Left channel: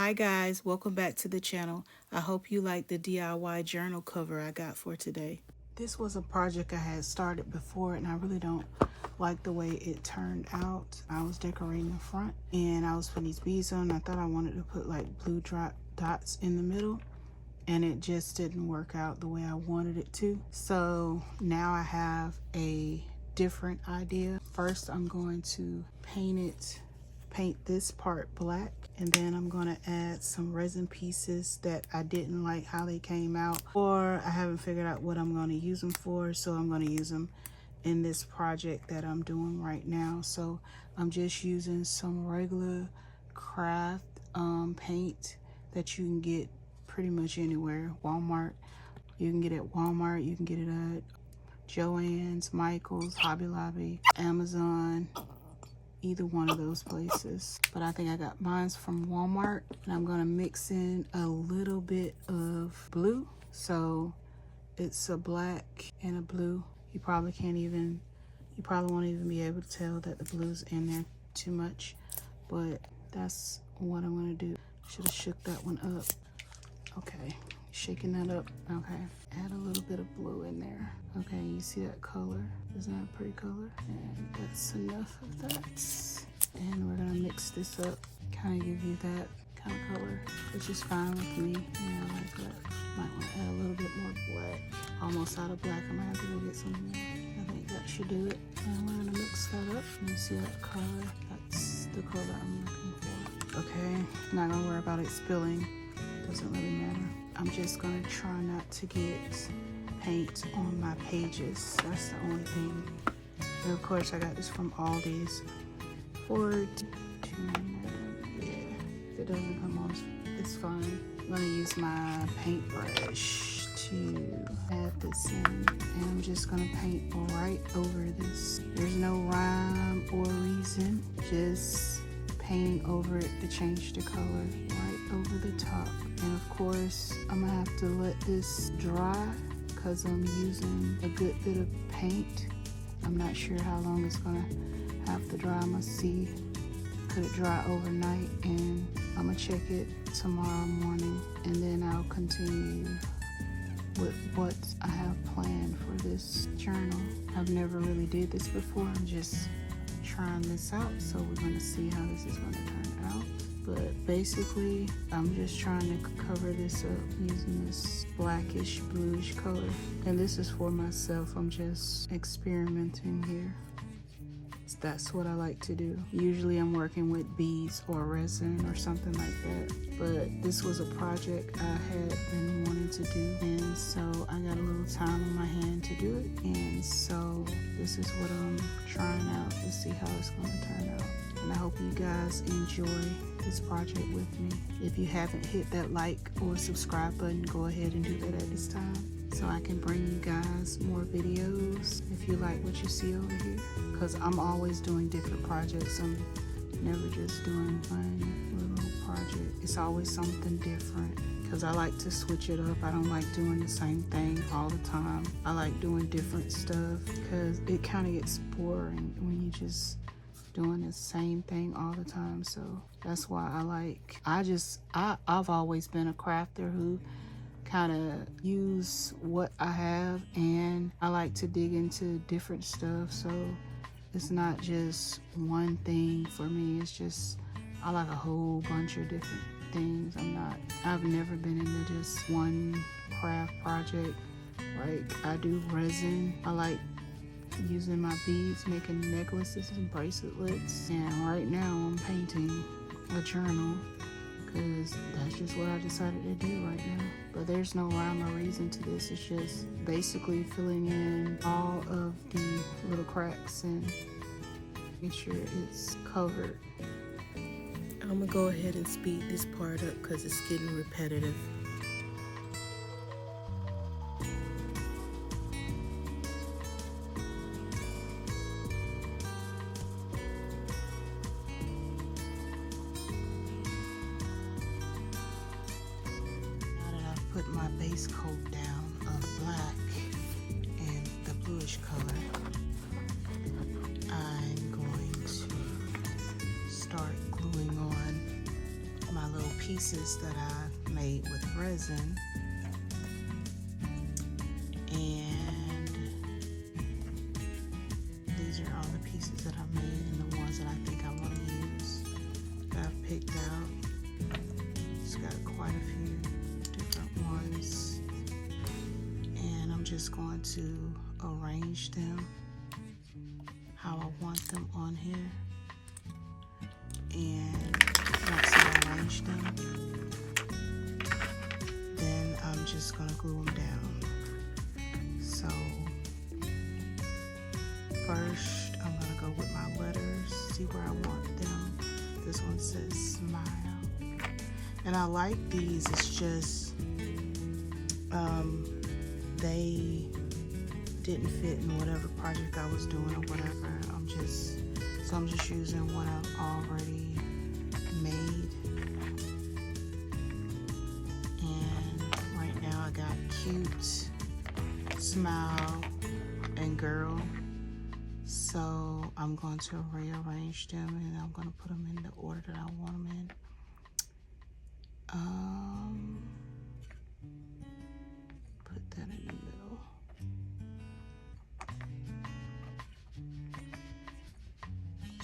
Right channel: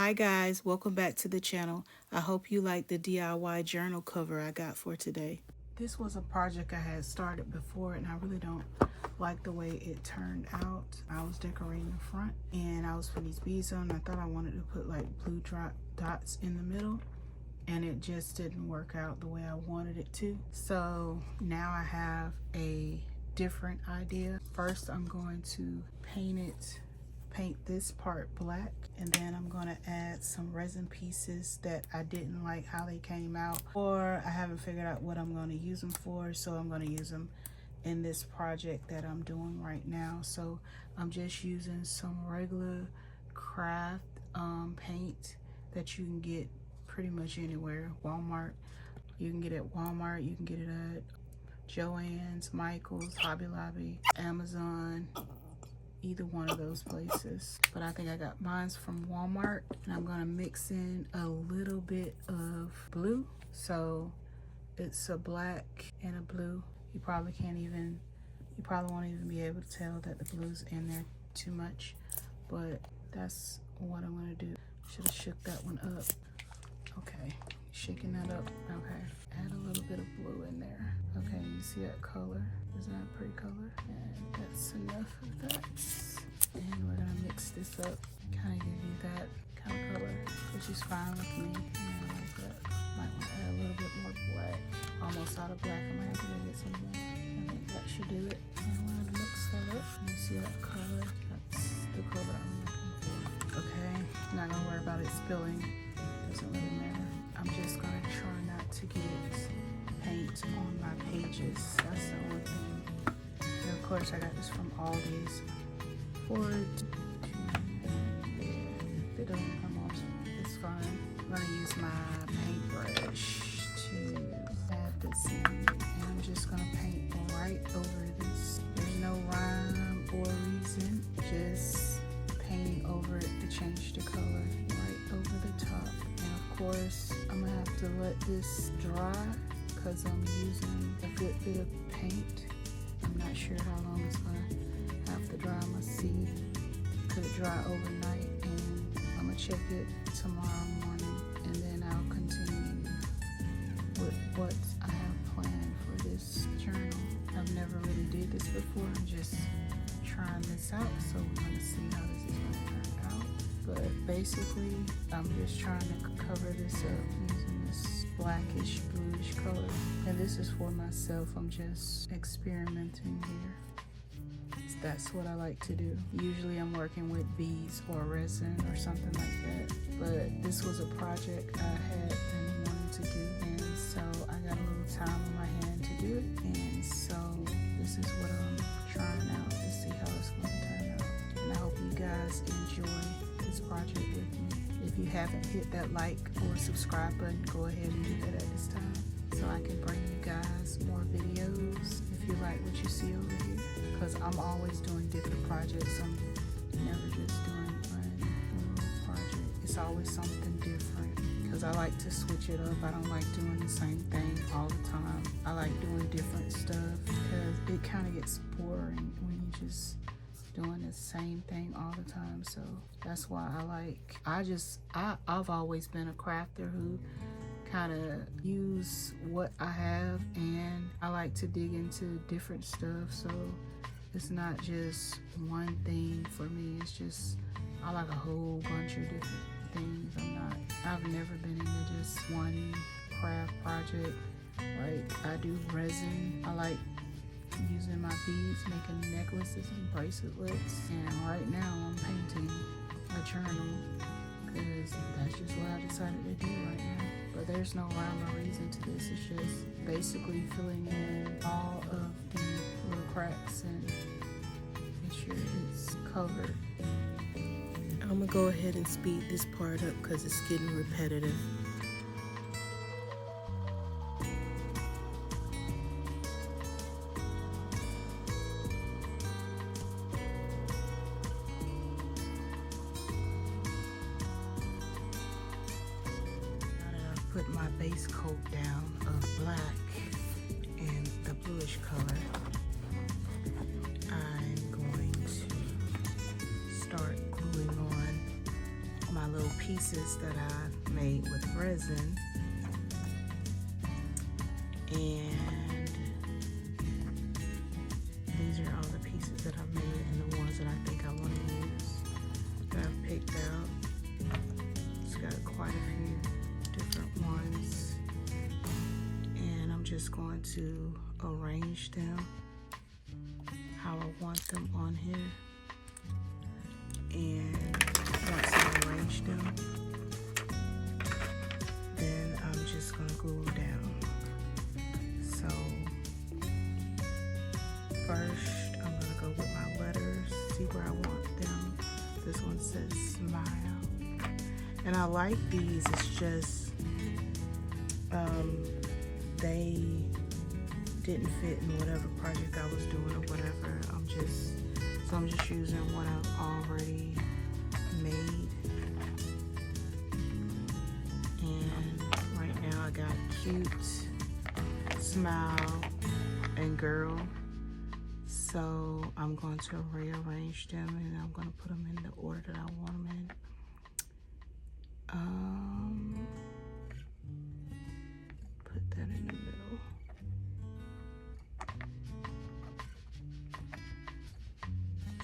Hi guys, welcome back to the channel. I hope you like the DIY journal cover I got for today. This was a project I had started before and I really don't like the way it turned out. I was decorating the front and I was putting these beads on. I thought I wanted to put like blue drop dots in the middle and it just didn't work out the way I wanted it to. So now I have a different idea. First I'm going to paint this part black, and then I'm going to add some resin pieces that I didn't like how they came out, or I haven't figured out what I'm going to use them for, so I'm going to use them in this project that I'm doing right now. So I'm just using some regular craft paint that you can get pretty much anywhere. Walmart, you can get it at Walmart, you can get it at Joann's, Michael's, Hobby Lobby, Amazon, either one of those places. But I think I got mine from Walmart, and I'm gonna mix in a little bit of blue. So it's a black and a blue. You probably won't even be able to tell that the blue's in there too much, but that's what I'm gonna do. Should have shook that one up. Okay, shaking that up. Okay, add a little bit of blue in there. Okay, you see that color? Isn't that a pretty color? And that's enough of that. And we're gonna mix this up, kind of give you that kind of color, which is fine with me. Like that. Might want to add a little bit more black. Almost out of black. I'm gonna have to go get some more. I think that should do it. And we're gonna mix that up. You see that color? That's the color I'm looking for. Okay, not gonna worry about it spilling. Doesn't really matter. I'm just gonna try not to get paint on my pages. That's the only thing. And of course I got this from Aldi's. If it doesn't come on, it's fine. I'm gonna use my paintbrush to add this in, and I'm just gonna paint right over this. There's no rhyme or reason, just paint over it to change the color right over the top. And of course I'm gonna have to let this dry because I'm using a good bit of paint. I'm not sure how long it's gonna have to dry. I'm gonna see, let it dry overnight, and I'm gonna check it tomorrow morning, and then I'll continue with what I have planned for this journal. I've never really did this before. I'm just trying this out, so we're gonna see how this is gonna turn out. But basically, I'm just trying to cover this up using this blackish, bluish color. And this is for myself. I'm just experimenting here. That's what I like to do. Usually I'm working with beads or resin or something like that. But this was a project I had been wanting to do. And so I got a little time on my hand to do it. And so this is what I'm trying out to see how it's going to turn out. And I hope you guys enjoy this project with me. If you haven't hit that like or subscribe button, go ahead and do that at this time, so I can bring you guys more videos if you like what you see over here. Because I'm always doing different projects. I'm never just doing one little project. It's always something different because I like to switch it up. I don't like doing the same thing all the time. I like doing different stuff because it kind of gets boring when you just doing the same thing all the time. So that's why I've always been a crafter who kind of use what I have, and I like to dig into different stuff. So it's not just one thing for me. It's just I like a whole bunch of different things. I've never been into just one craft project. Like I do resin. I like using my beads, making necklaces and bracelets. And right now I'm painting a journal because that's just what I decided to do right now. But there's no rhyme or reason to this. It's just basically filling in all of the little cracks and make sure it's covered. I'm gonna go ahead and speed this part up because it's getting repetitive. Put my base coat down of black and the bluish color, I'm going to start gluing on my my little pieces that I made with resin. And these are all the pieces that I made and the ones that I think I want to use that I've picked out. It's got quite a few different ones. And I'm just going to arrange them how I want them on here. And once I arrange them, then I'm just gonna glue them down. So first I'm gonna go with my letters, see where I want them. This one says smile. And I like these, it's just they didn't fit in whatever project I was doing or whatever. I'm just using what I've already made. And right now I got cute, smile, and girl. So I'm going to rearrange them and I'm going to put them in the order that I want them in. Put that in the middle.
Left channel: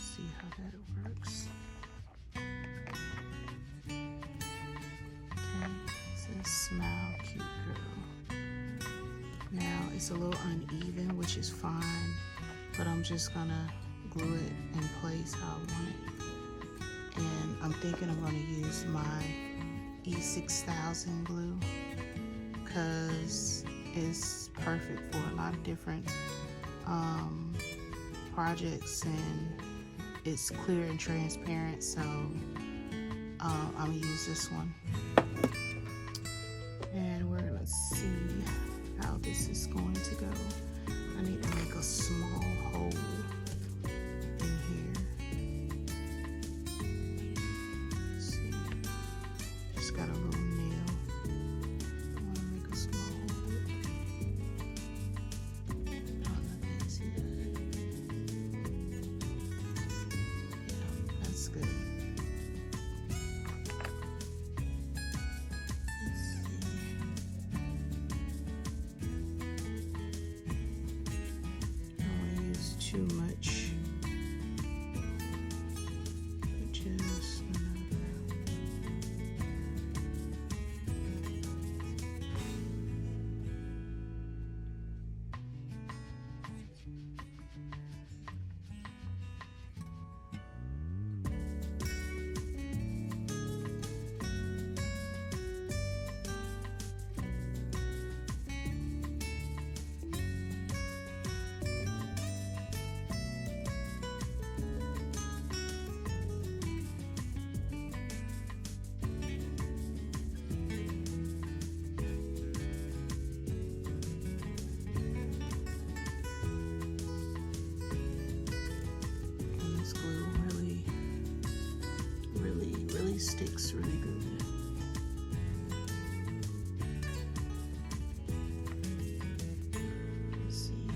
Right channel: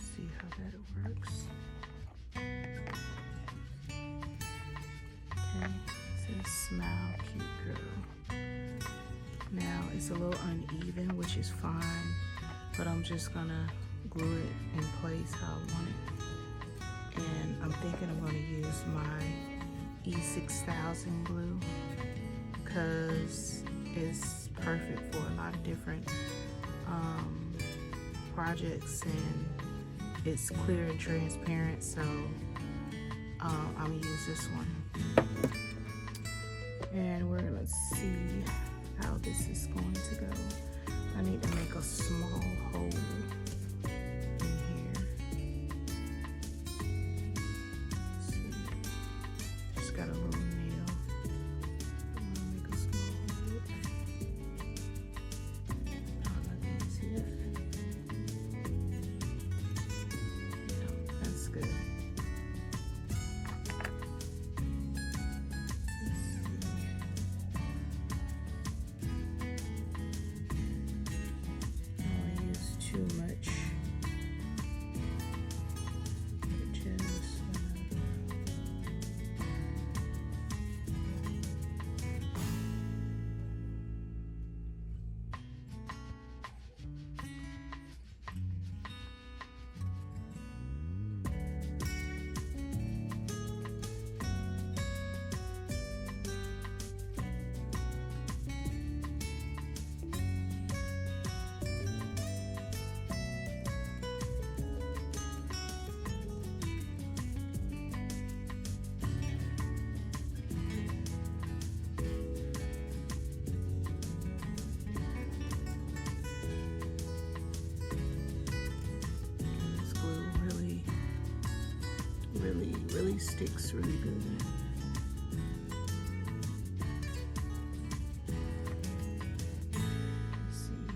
See how that works. Okay, it says smile, cute girl. Now it's a little uneven, which is fine, but I'm just gonna glue it in place how I want it. And I'm thinking I'm gonna use my E6000 glue because it's perfect for a lot of different projects, and it's clear and transparent, so I'm gonna use this one. And we're gonna see how this is going to go. I need to make a small hole in here. Let's see. It's got a little nail. I want to make a small hole. Oh, nothing is here. Yeah, that's good. Too much. Just really sticks really good. Let's see.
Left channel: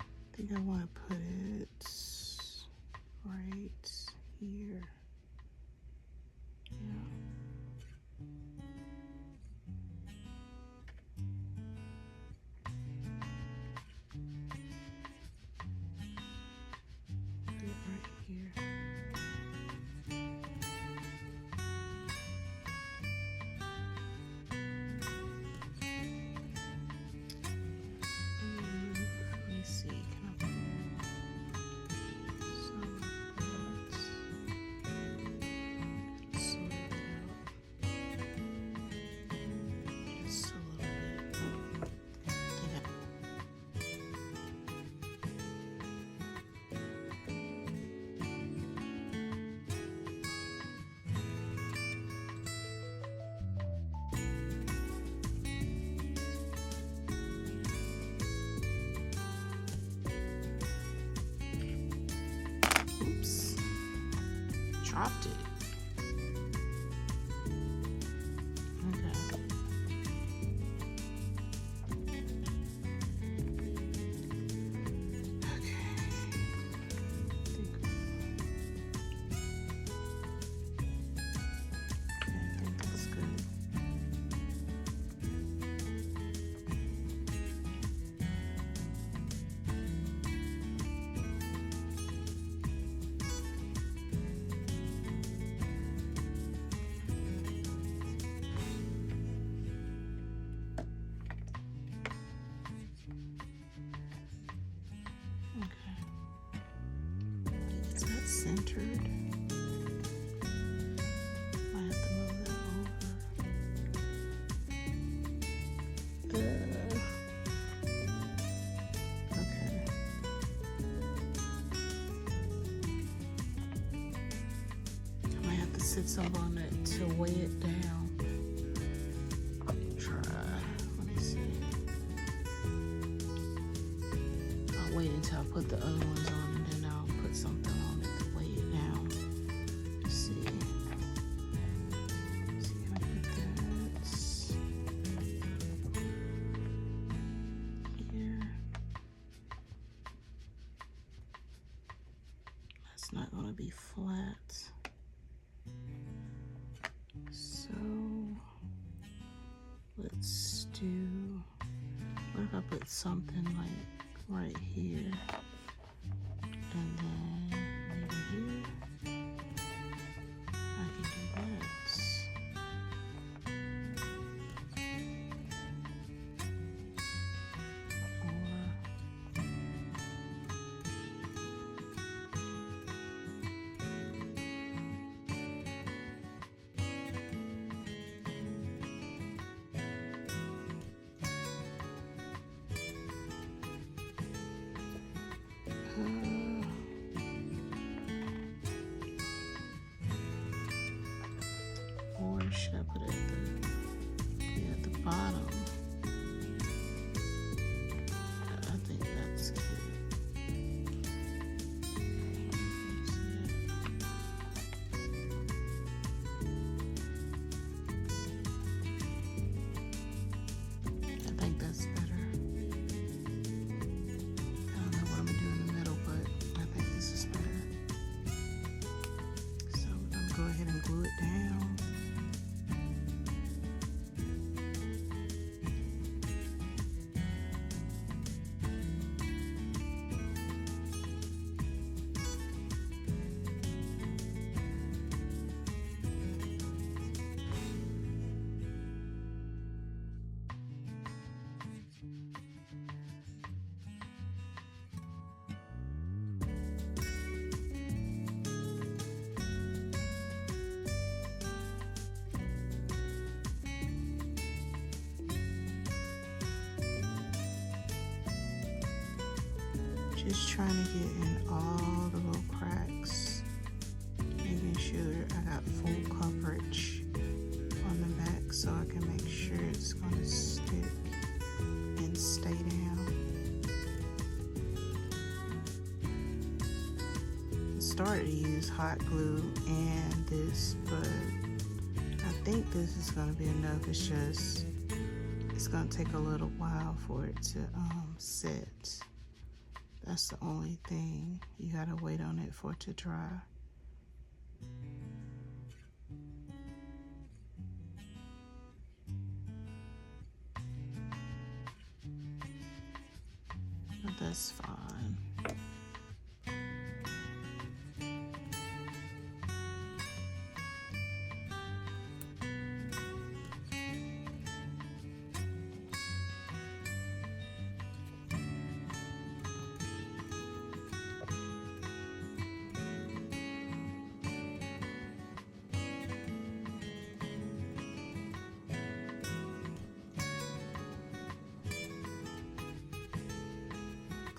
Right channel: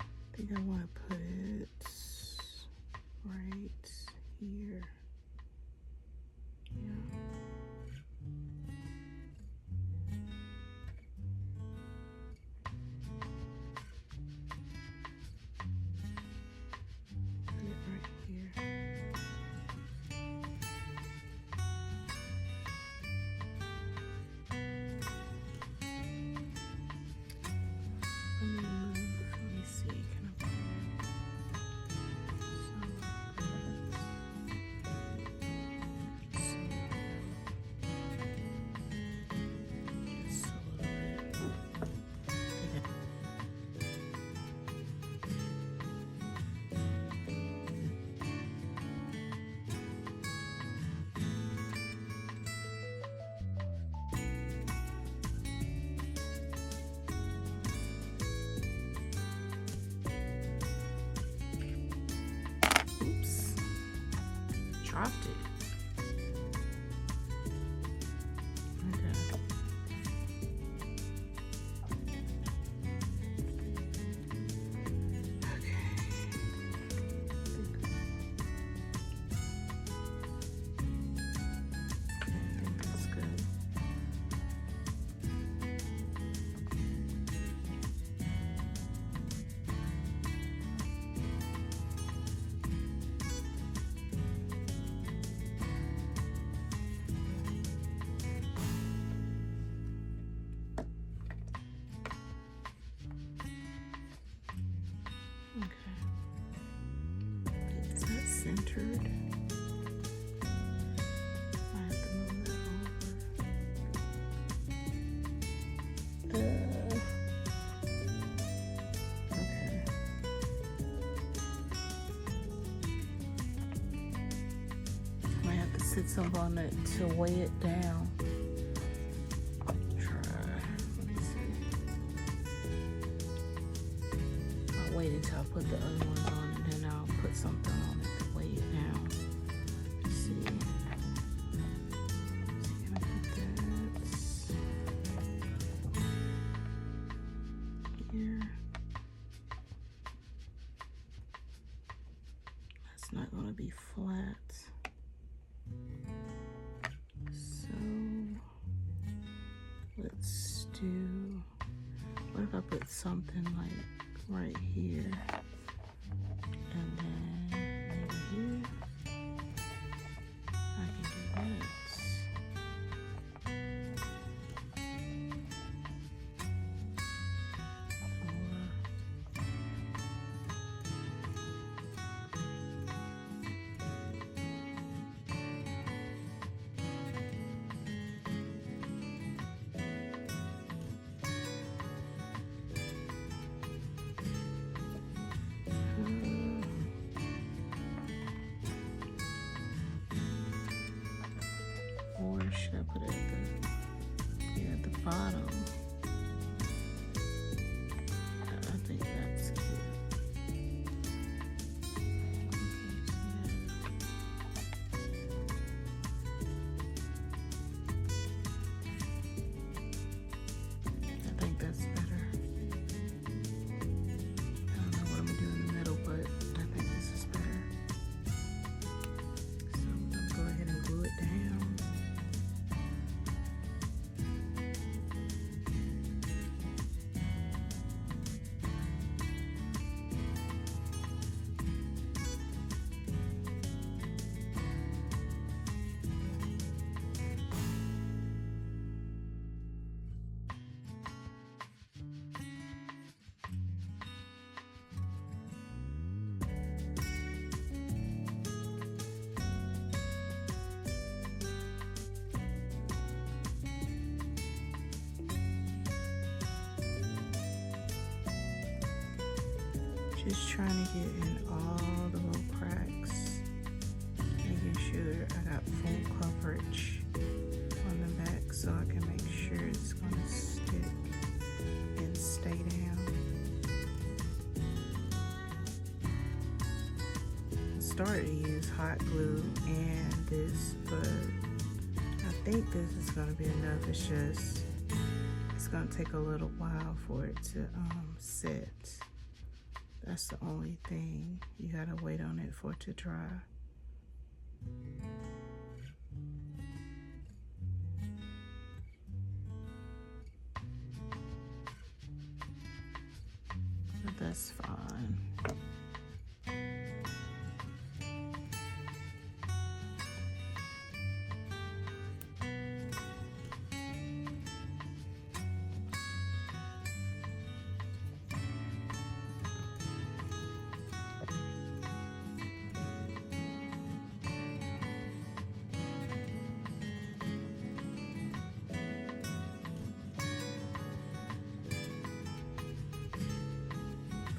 I think I want to put it right here. Yeah. Put it right here. Let me see, can I put it? put some on it to weigh it down. Let me see. I'll wait until I put the other ones on, and then I'll put something on it to weigh it down. Let's see. Can I put that here? That's not going to be flat. So let's do, what if I put something like right here, and then maybe here? I can do this. Or should I put it at the bottom? I think that's cute. I think that's better. I don't know what I'm gonna do in the middle, but I think this is better. So I'm gonna go ahead and glue it down. Just trying to get in all the little cracks, making sure I got full coverage on the back so I can make sure it's going to stick and stay down. I started to use hot glue and this, but I think this is going to be enough. It's going to take a little while for it to set. That's the only thing. You gotta wait on it for it to dry. But that's fine.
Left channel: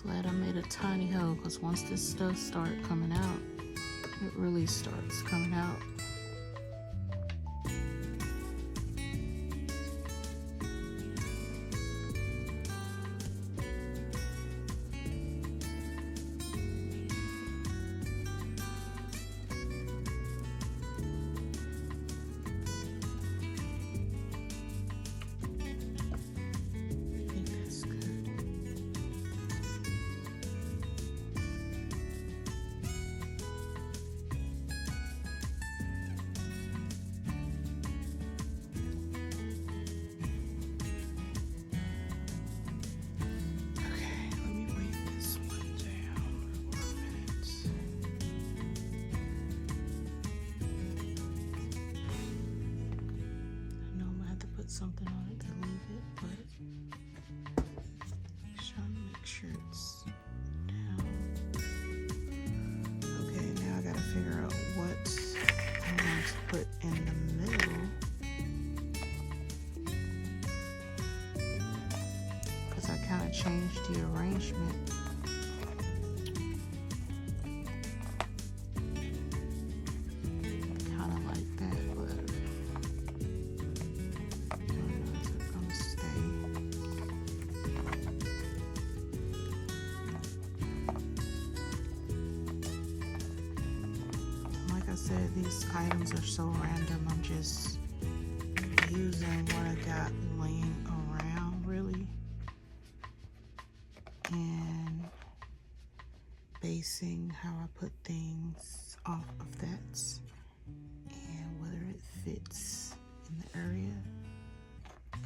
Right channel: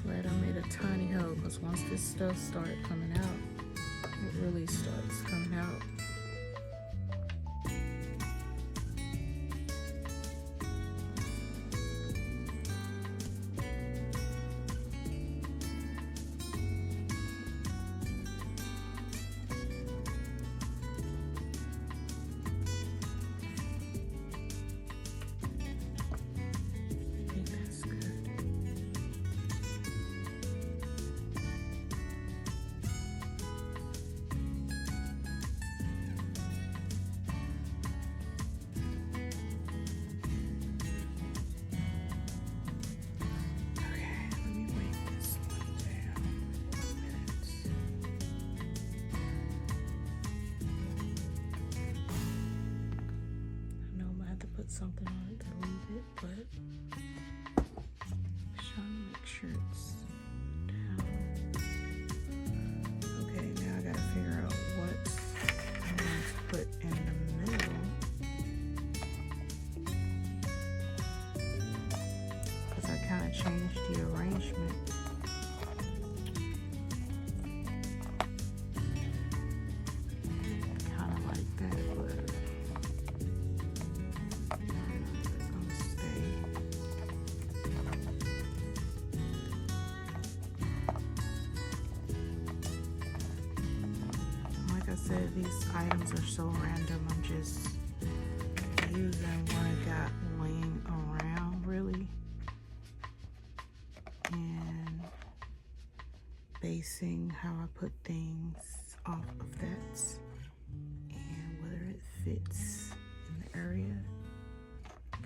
Glad I made a tiny hole, because once this stuff started coming out, it really starts coming out. Something on it to leave it, but just trying to make sure it's down. Okay, now I gotta figure out what I'm going to put in the middle, because I kind of changed the arrangement. Kind of like that. these items are so random. I'm just using what I got laying around, really, and basing how I put things off of that and whether it fits in the area.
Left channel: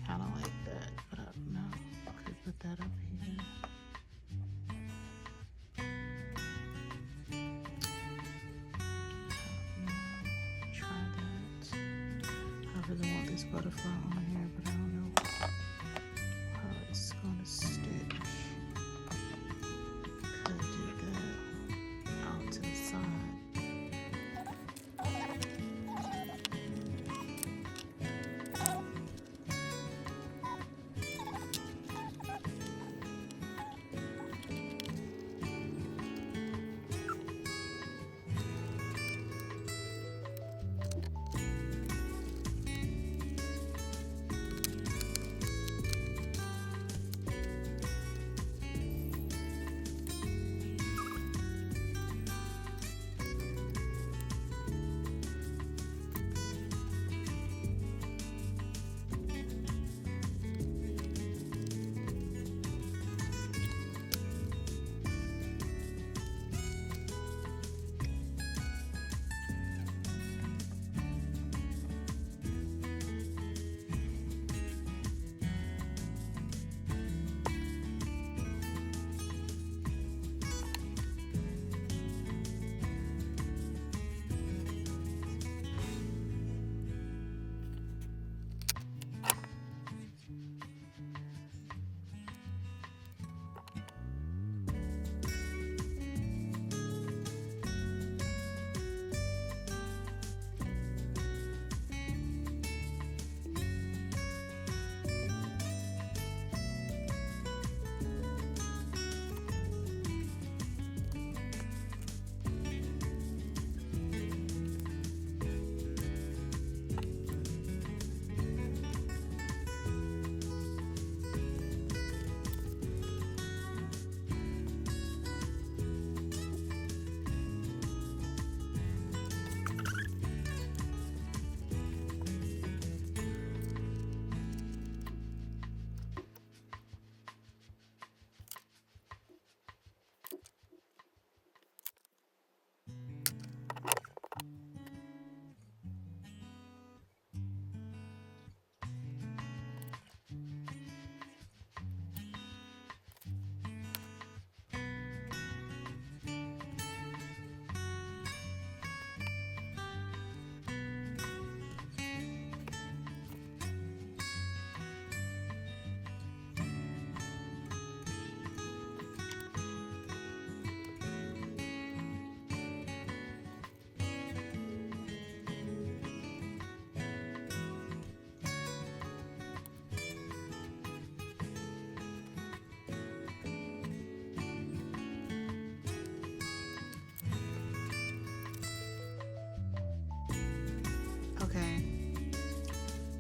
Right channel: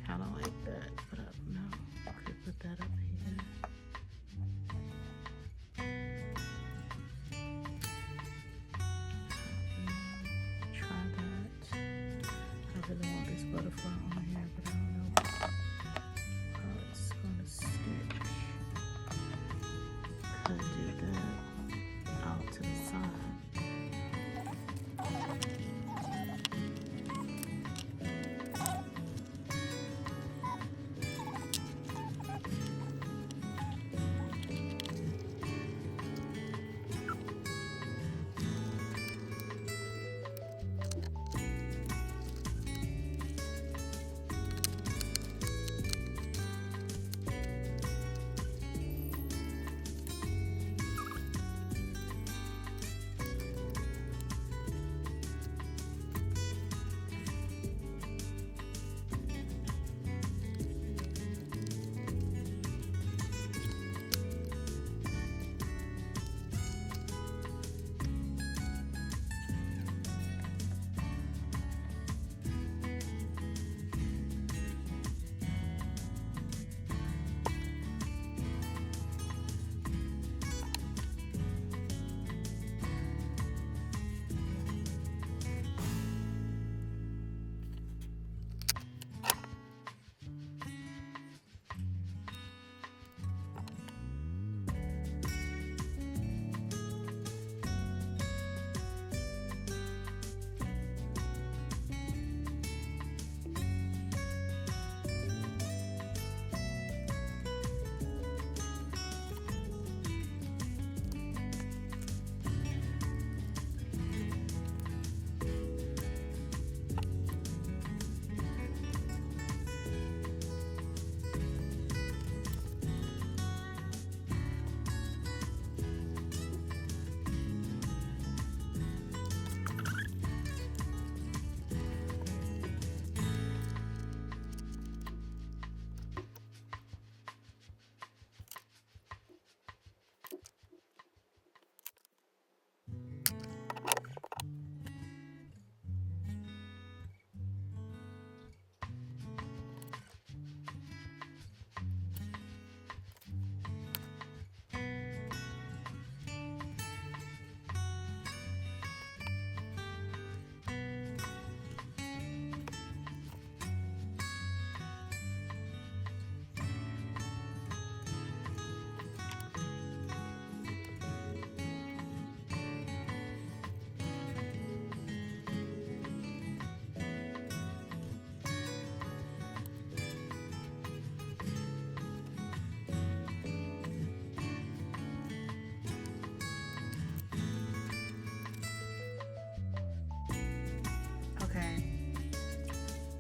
Kind of like that, but I don't know. I could put that up here. Try that. I really want this butterfly on here, but I don't know how it's gonna stick. Could do that out to the side.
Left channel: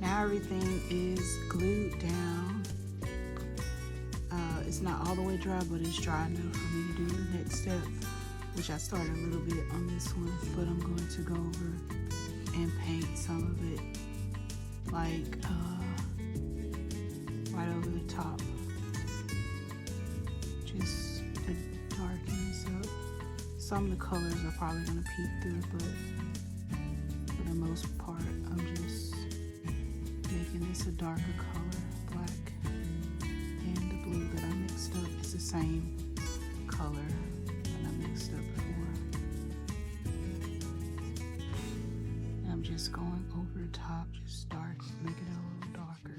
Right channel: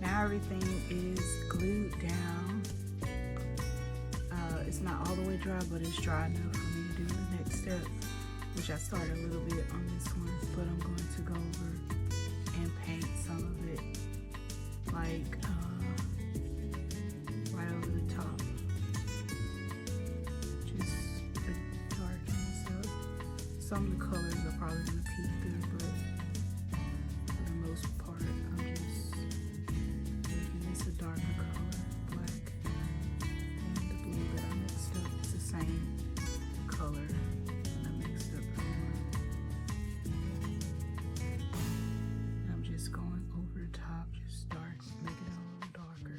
Now everything is glued down. It's not all the way dry, but it's dry enough for me to do the next step, which I started a little bit on this one, but I'm going to go over and paint some of it like right over the top, just to darken this up. Some of the colors are probably going to peek through, but for the most part I'm just making this a darker color, black, and the blue that I mixed up is the same color that I mixed up before. And I'm just going over the top, just dark, make it a little darker.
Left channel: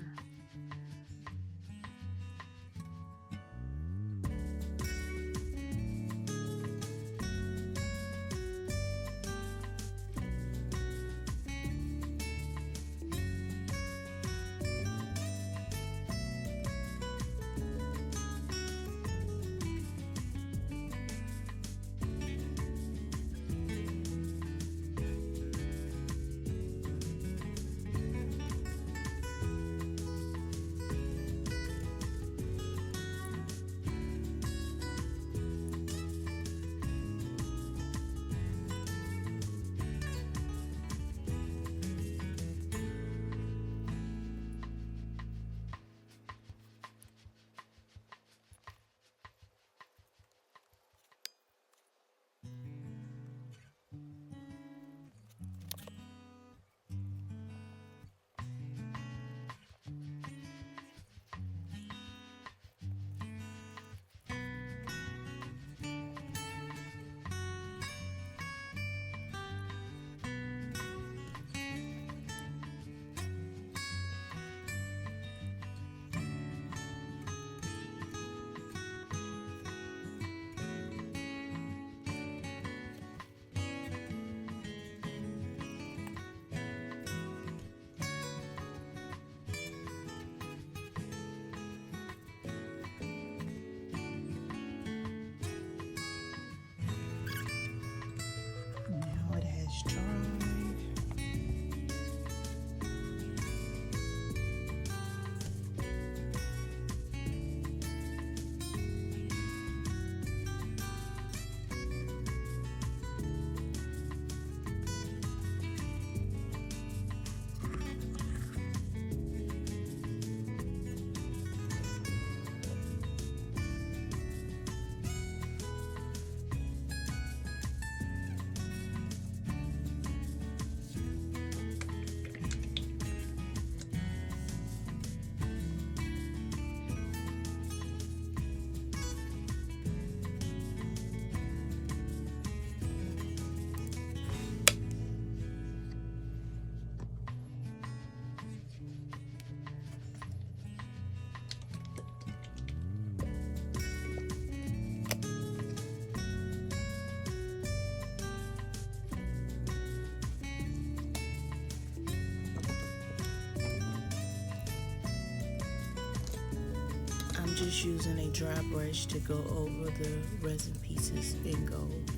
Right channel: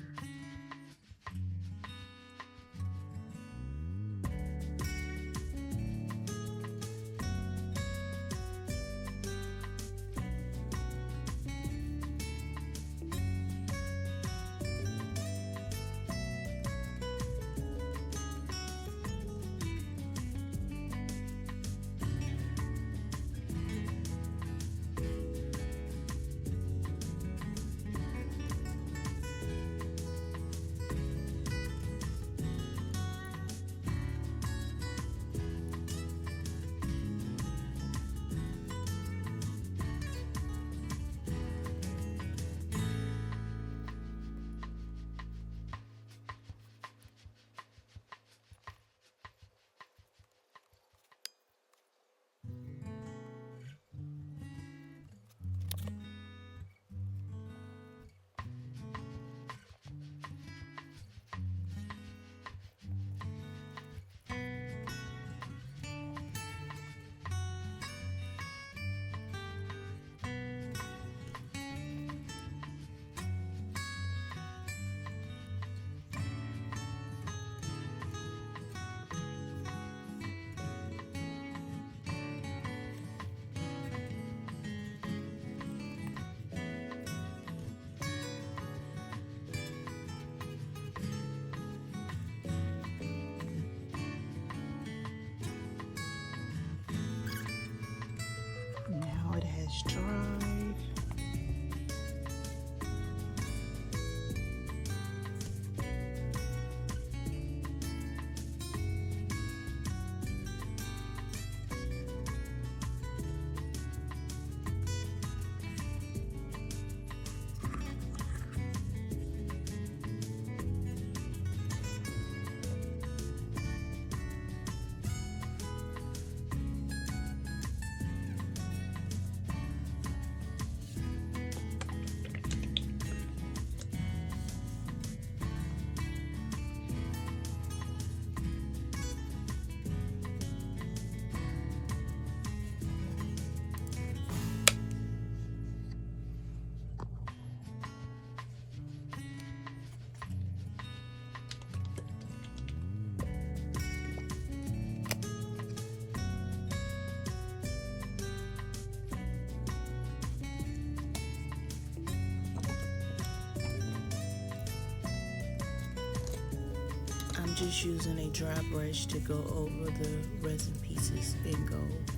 I'm just using a dry brush to go over the resin pieces in gold.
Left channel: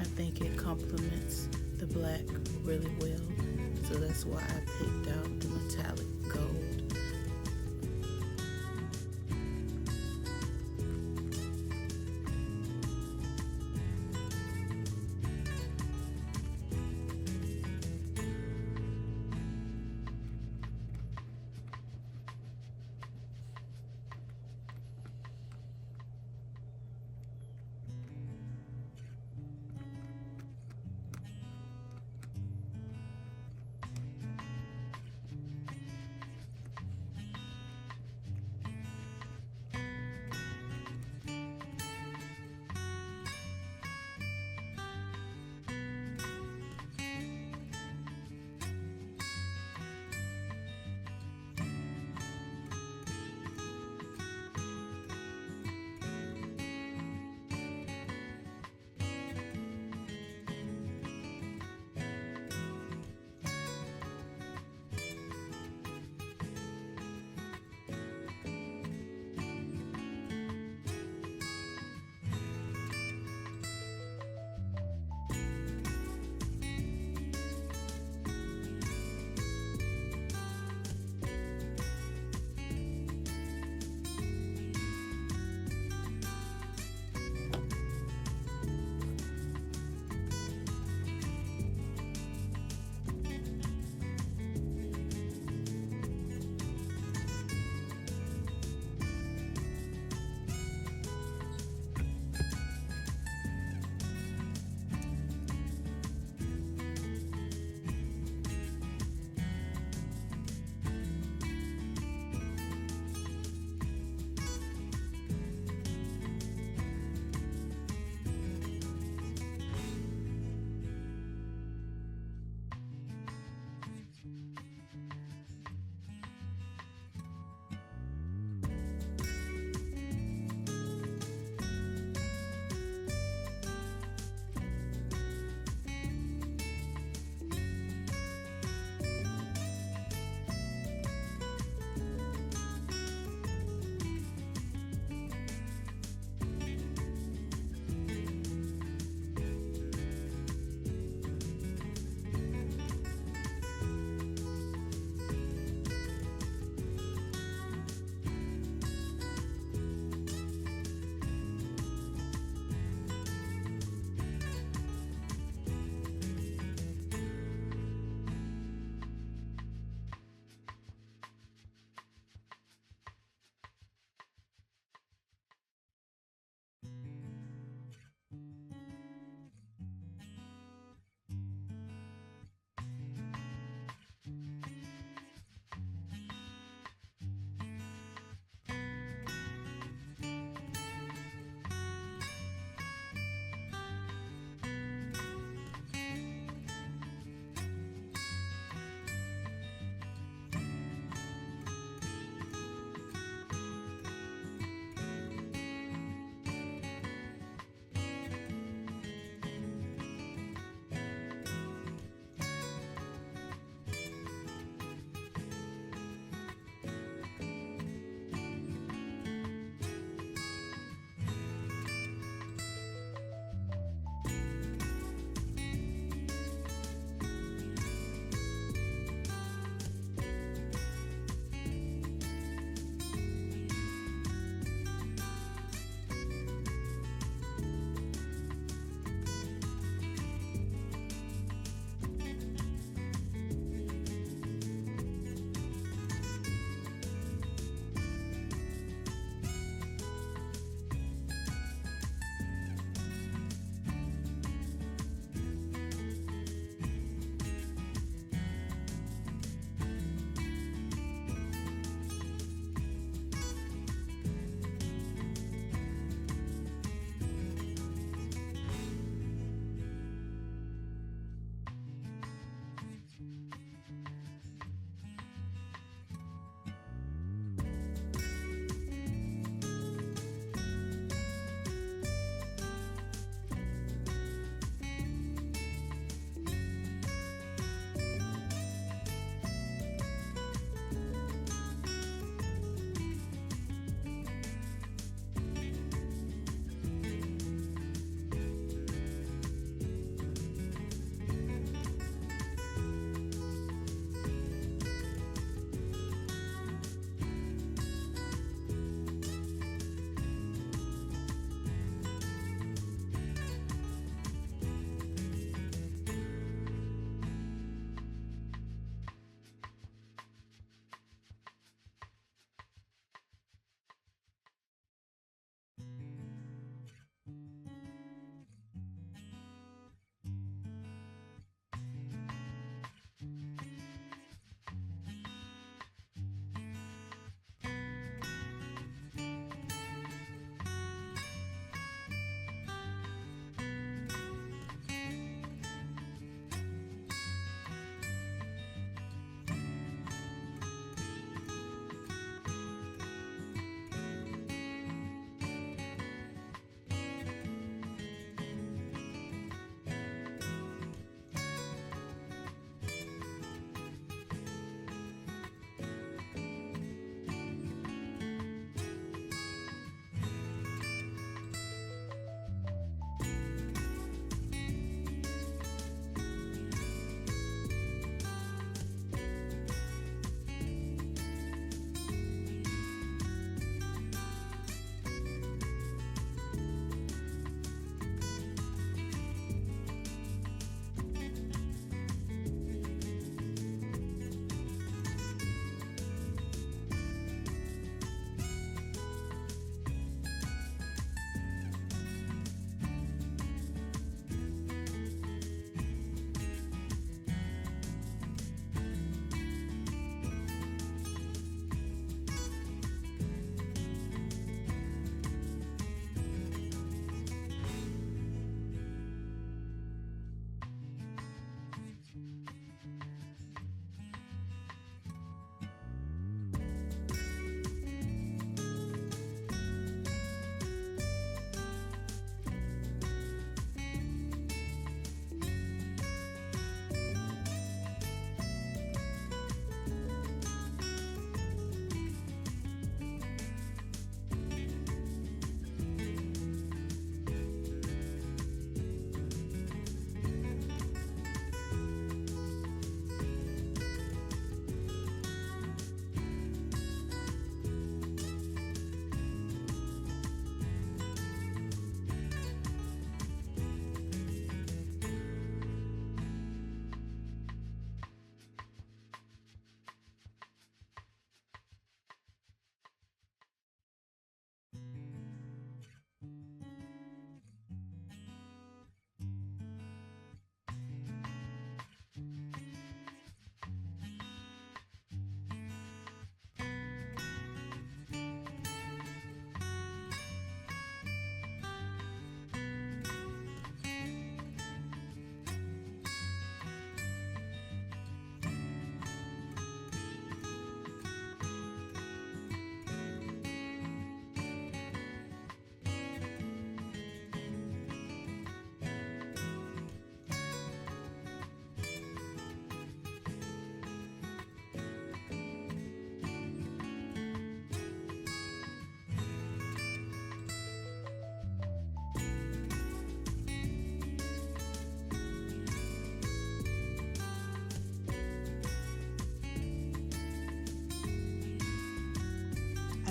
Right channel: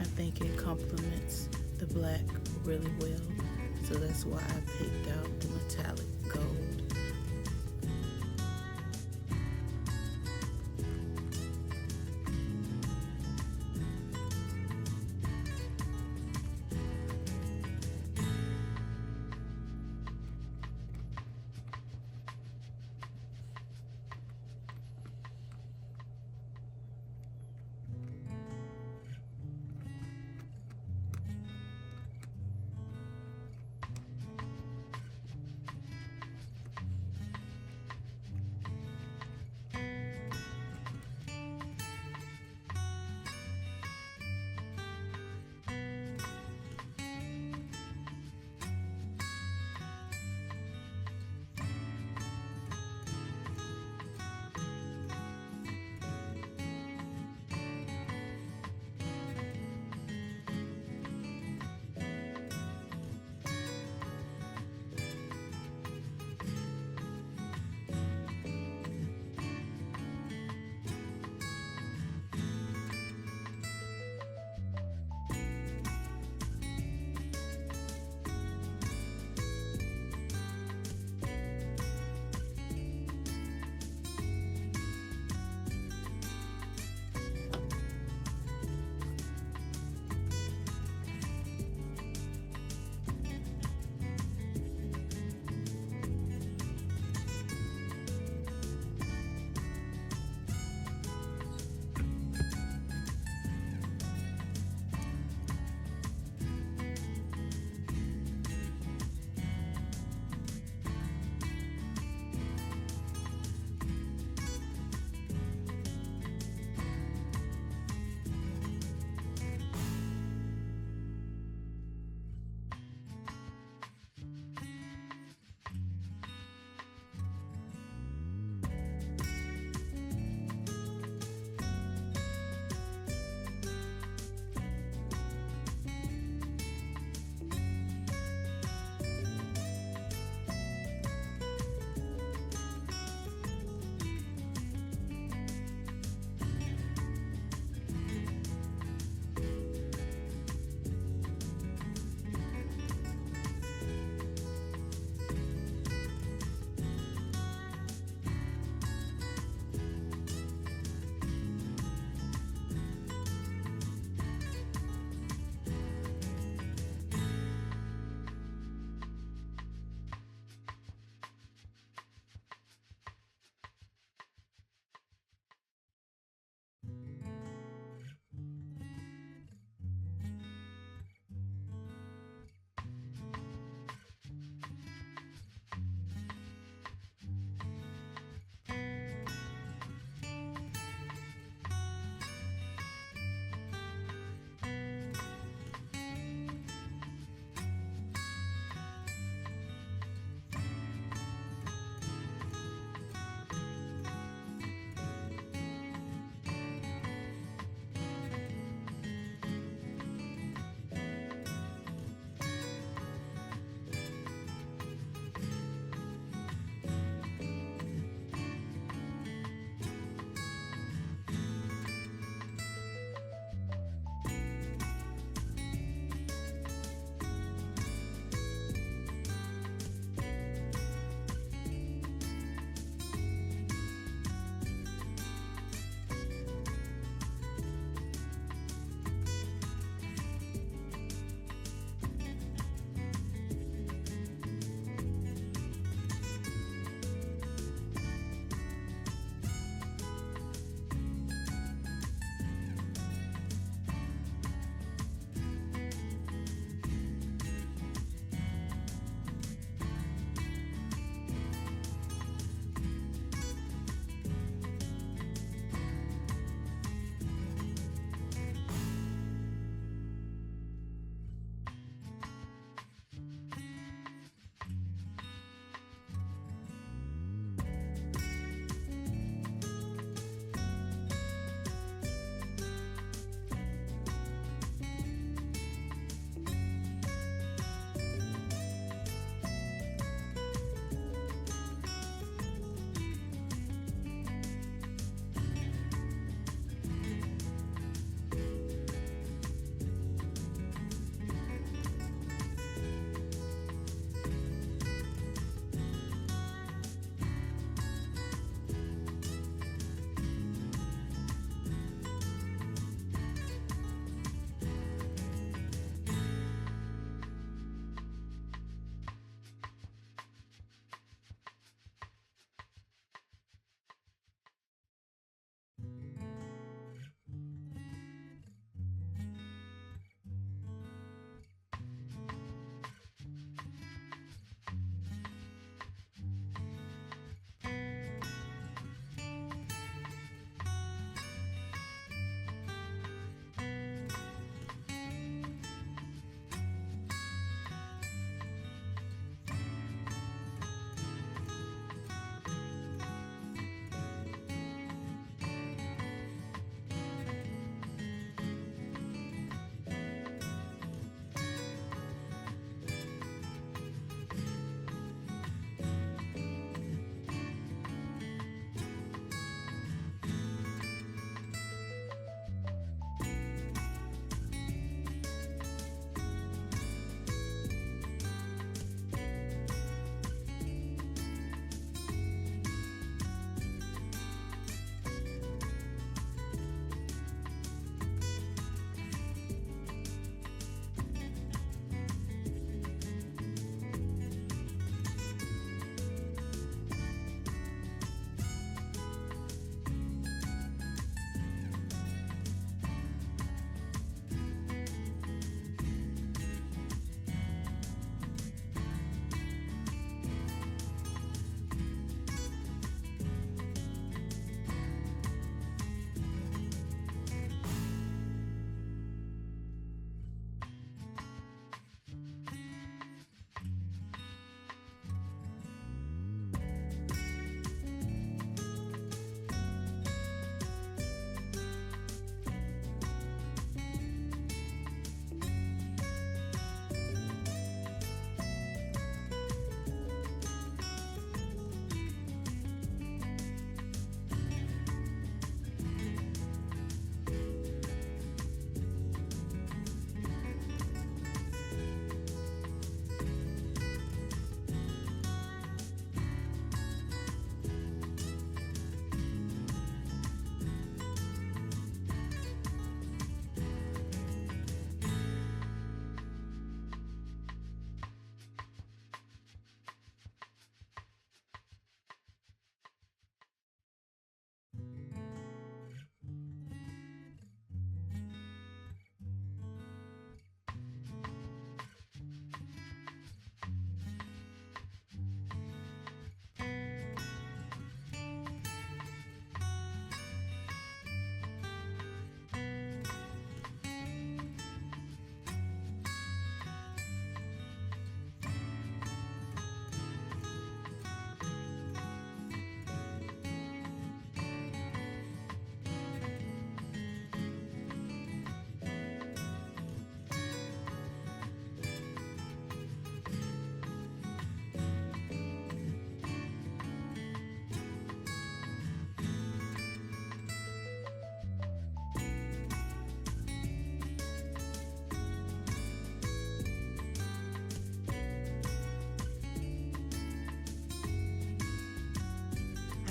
I think it complements the black really well, so that's why I picked out the metallic gold.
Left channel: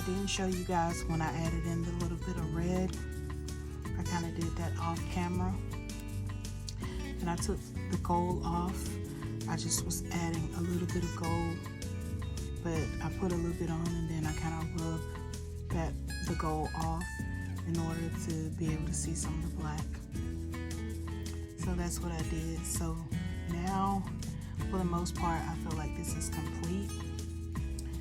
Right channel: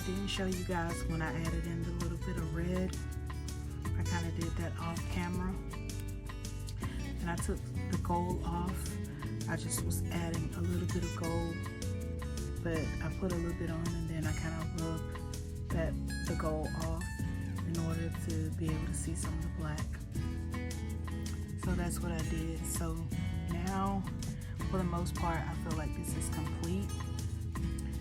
didn't show you guys when I added in the little bit of red. I kind of did that off camera. And I took the gold off. I just was adding a little bit of gold, but I put a little bit on and then I kind of rubbed the gold off in order to be able to see some of the black. So that's what I did. So now, for the most part, I feel like this is complete.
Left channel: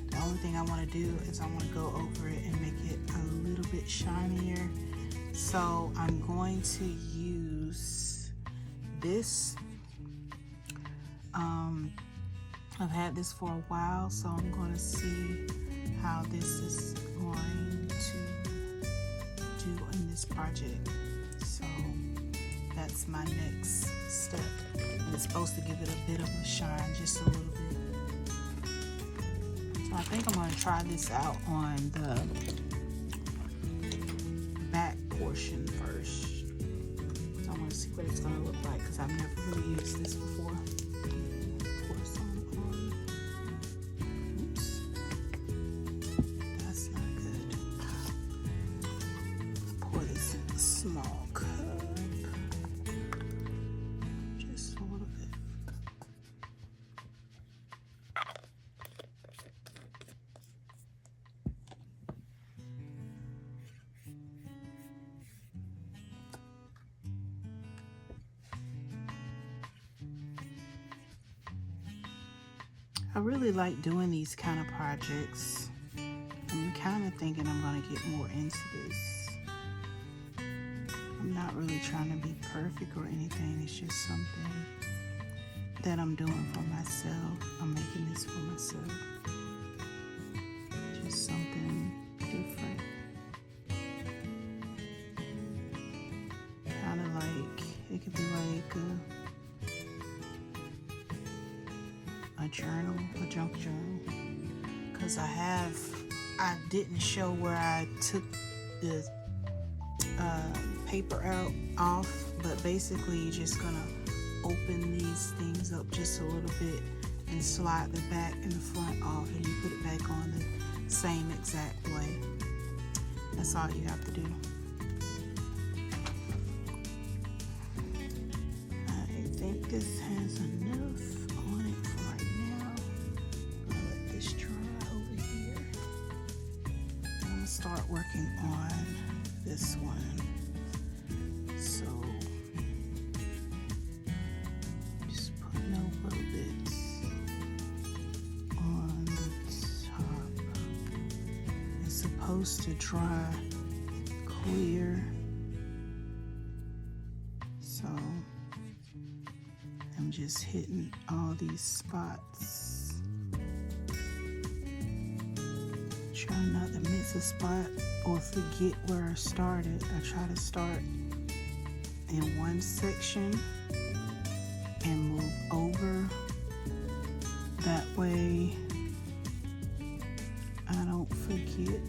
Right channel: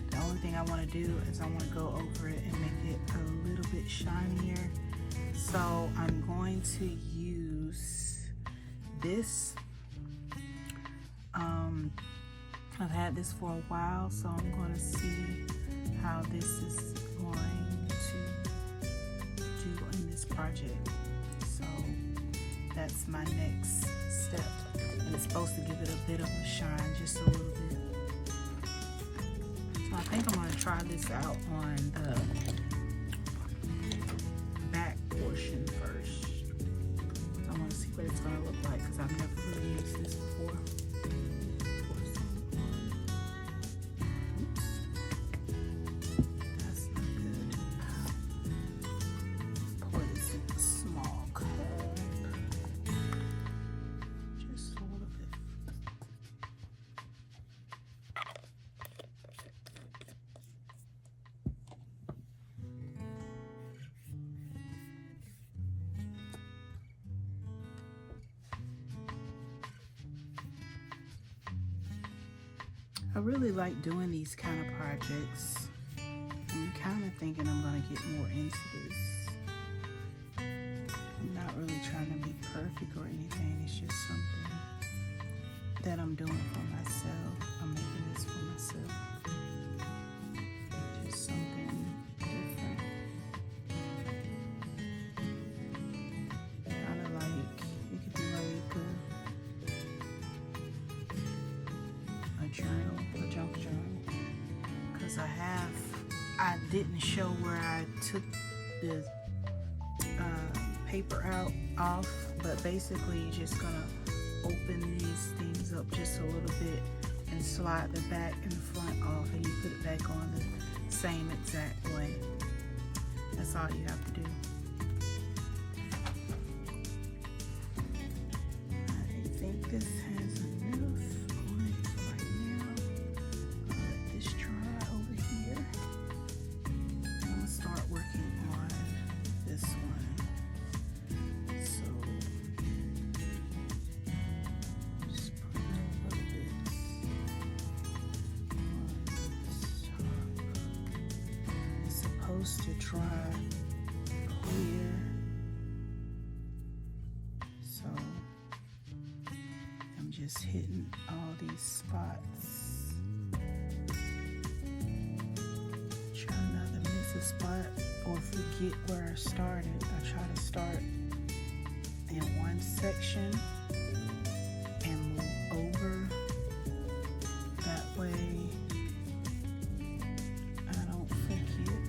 The only thing I want to do is I want to go over it and make it a little bit shinier. So I'm going to use this. I've had this for a while, so I'm going to see how this is going to do in this project. So that's my next step. And it's supposed to give it a bit of a shine, just a little bit. So I think I'm going to try this out on the back portion first. So I want to see what it's going to look like because I've never really used this before. Pour some on. Oops. That's not good. Pour this in a small cup. Just a little bit. I really like doing these kind of projects. I'm kind of thinking I'm going to get more into this. I'm not really trying to be perfect or anything. It's just something that I'm doing for myself. I'm making this for myself. Just something different. Kind of like, it could be like a journal, a junk journal. Because I didn't show where I took the paper off, but basically you're just gonna open these things up just a little bit and slide the back and the front off, and you put it back on the same exact way. That's all you have to do. I think this has enough on it right now. Let this dry over here. I'm gonna start working on this one. So just putting a little bit on the top. It's supposed to dry clear. So I'm just hitting all these spots. Try not to miss a spot or forget where I started. I try to start in one section and move over. That way I don't forget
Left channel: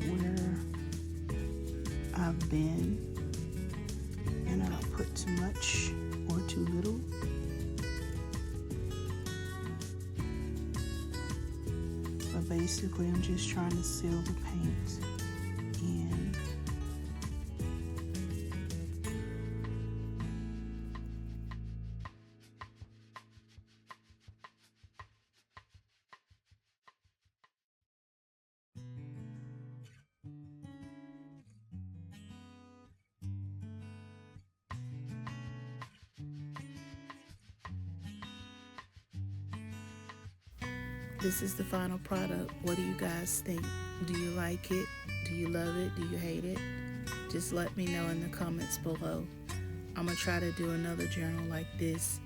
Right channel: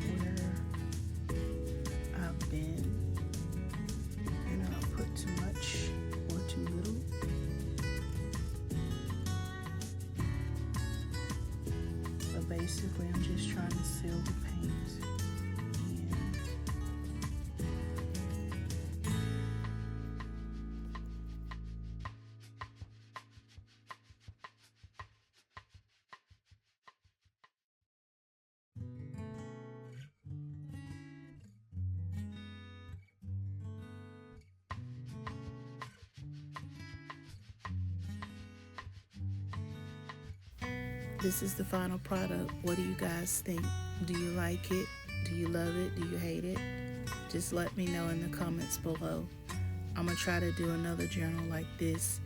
where I've been, and I don't put too much or too little. But basically I'm just trying to seal the paint in. This is the final product. What do you guys think? Do you like it? Do you love it? Do you hate it? Just let me know in the comments below. I'm gonna try to do another journal like this.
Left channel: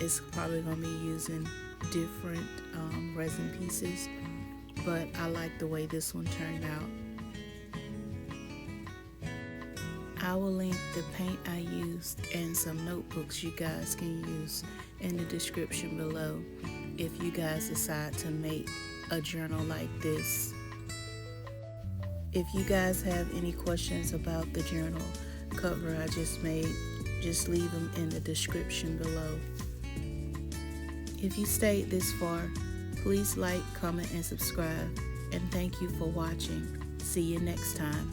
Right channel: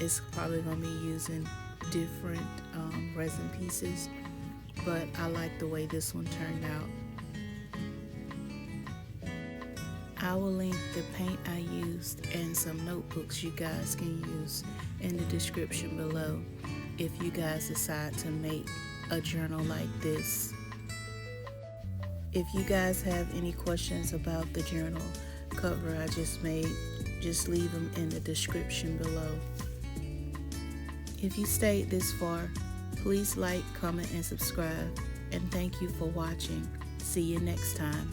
It's probably gonna be using different resin pieces, but I like the way this one turned out. I will link the paint I used and some notebooks you guys can use in the description below if you guys decide to make a journal like this. If you guys have any questions about the journal cover I just made, just leave them in the description below. If you stayed this far, please like, comment, and subscribe. and thank you for watching. See you next time.